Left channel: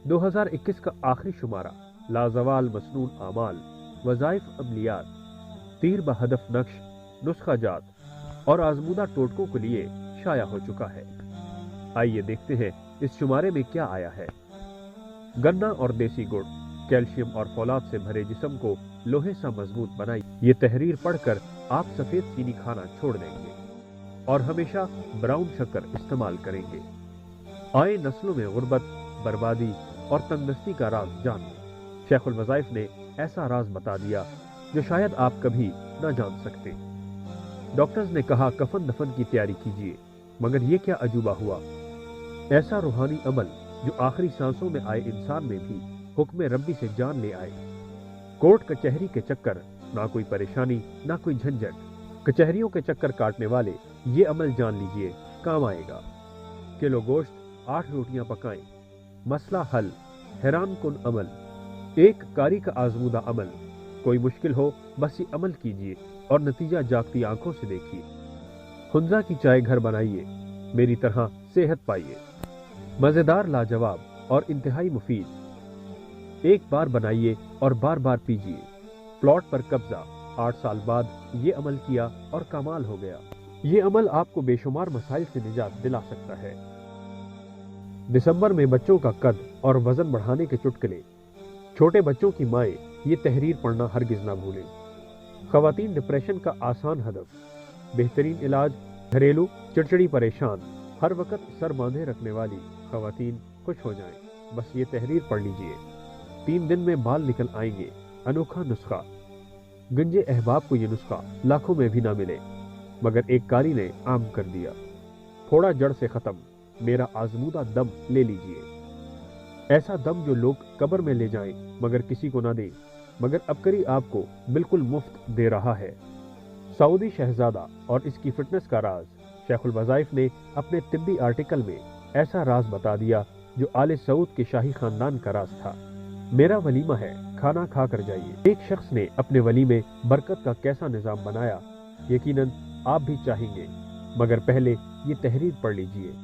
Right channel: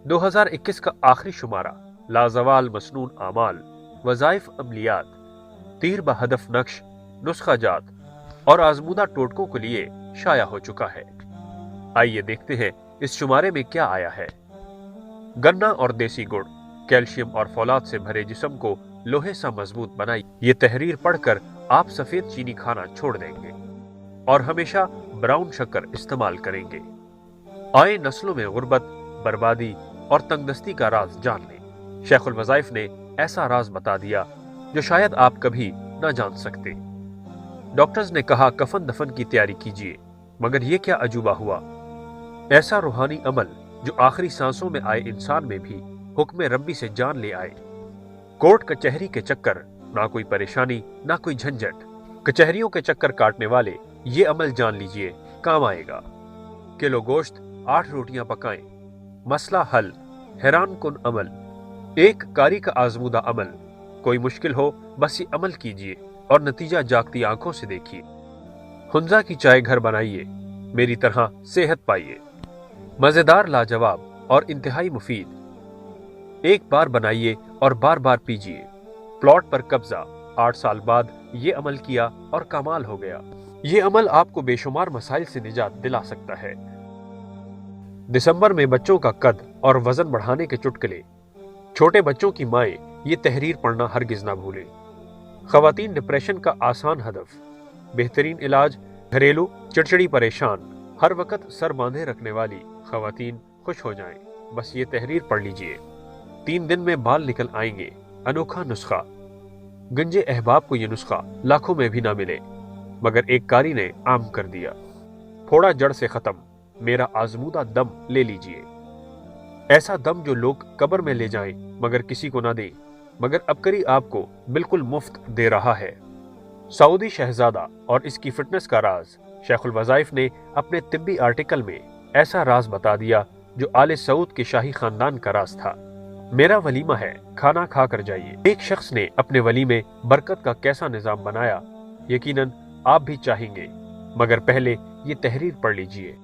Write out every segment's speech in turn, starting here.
2021 का आखिरी शुमारा लाजवाल मसनून आमाल, वज़ाइफ अमलियात, तीर बहदफ नक्श, नुस्खा जात और आजमूदा टोटकों के लिए शाया हो चुका है। आइए देखते हैं इस शुमारे में क्या आया है। गन्ना और देसी गुड़ कैल्शियम और फौलाद से भरे जिस्म को लोहे सा मजबूत बनाई। ये तहरीर पढ़कर आप सफेद चीनी खाना छोड़ देंगे और हमेशा ब्राउन शक्कर इस्तेमाल करेंगे। आए नस्लों में गुर्बत, बर्बादी और तंगदस्ती का राज जान लें। शेखुल वज़ाइफ ने ऐसा राज बता दिया जो शायद आप कभी ना जान सकते। डॉक्टर्स ने कहा कफन दफन की तैयारी कीजिए, मगर ये क्या अजूबा हुआ। ऐसा रूहानी अमल जो आखिरी सांसों में आए इंसान में भी हुक्म रब्बी से जान ले आए। कोर्ट कचहरी के चक्कर, ना कोई परेशानी ना कोई झंझट। कचहरियों के चक्कर काटने वाले ये अमल जान लीजिए, काम आएगा। किलो गोश्त 8 रोटियां पकाएं, मसला हल। हैरान कुन अमल, एक कारी का आजमूदा अमल। कोई मुश्किल हो बस ये अमल कीजिए और नतीजा जागती आंखों से देखिए। हुंजा की चाय घर बनाइए, मेरी तरह सेहत पाइए। मजेदार, लाजवाब और इंतहाई मुफीद। एक बार बनाइए और बार बार पीजिए। प्लॉट पर कब्जा, 8 साल बाद ये अमल किया और कमाल हो गया। ये अमल आपको बेशुमार मसाइल से निजात दिला सकता है। दिसंबर में बच्चों का कद और वजन बढ़ाने के चुटकुले। छोटे बच्चों की माएं ये तहरीर पढ़ना हरगिज ना भूलें। खवातीन डिप्रेशन का आसान हदफ, बेहतरीन इलाज। घरेलू चिड़चिड़ी परेशान, हर वक्त सर बांधे रखने वाली खवातीन खुश हो जाएं। बस ये तहरीर पढ़ लीजिए, 3 दिन में बाल निकल आएंगे। अनोखा नुस्खा। गंजे अहबाब को ये नुस्खा लाखों में भी ना मिले, मगर एक कारी ने आम कर दिया। फोड़ा जड़ से खत्म, मेरा आजमूदा दम ले लीजिए। ऐसा दम जो लोग कब्र में ले जाएं मगर किसी को ना दें, मगर अबकरी आपको बिल्कुल मुफ्त दे रहा है। सऊदी शहजादा और इसकी फिटनेस का राज। शेखुल वज़ाइफ ने अपने तिब्बी आर्टिकल में ऐसा राज बता दिया जो आले सऊद के शाही खानदान का राज था। मेरा वलीमा है, खाना खा कर जाइए। एक शख्स ने अपने वली में बरकत का कैसा निजाम बनाया, यकीनन आप भी चाहेंगे, मगर पहले ये तहरीर पढ़ लीजिए।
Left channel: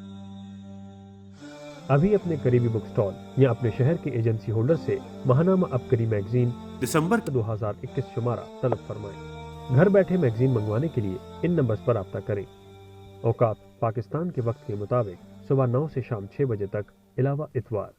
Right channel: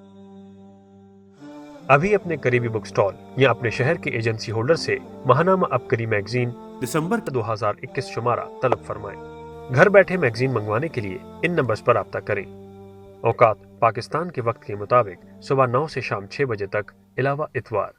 अभी अपने करीबी बुक स्टॉल या अपने शहर के एजेंसी होल्डर से महानामा अबकरी मैगजीन दिसंबर 2021 शुमारा तलब फरमाएं। घर बैठे मैगजीन मंगवाने के लिए इन नंबर्स पर राब्ता करें। औकात पाकिस्तान के वक्त के मुताबिक सुबह 9 से शाम 6 बजे तक, अलावा इतवार।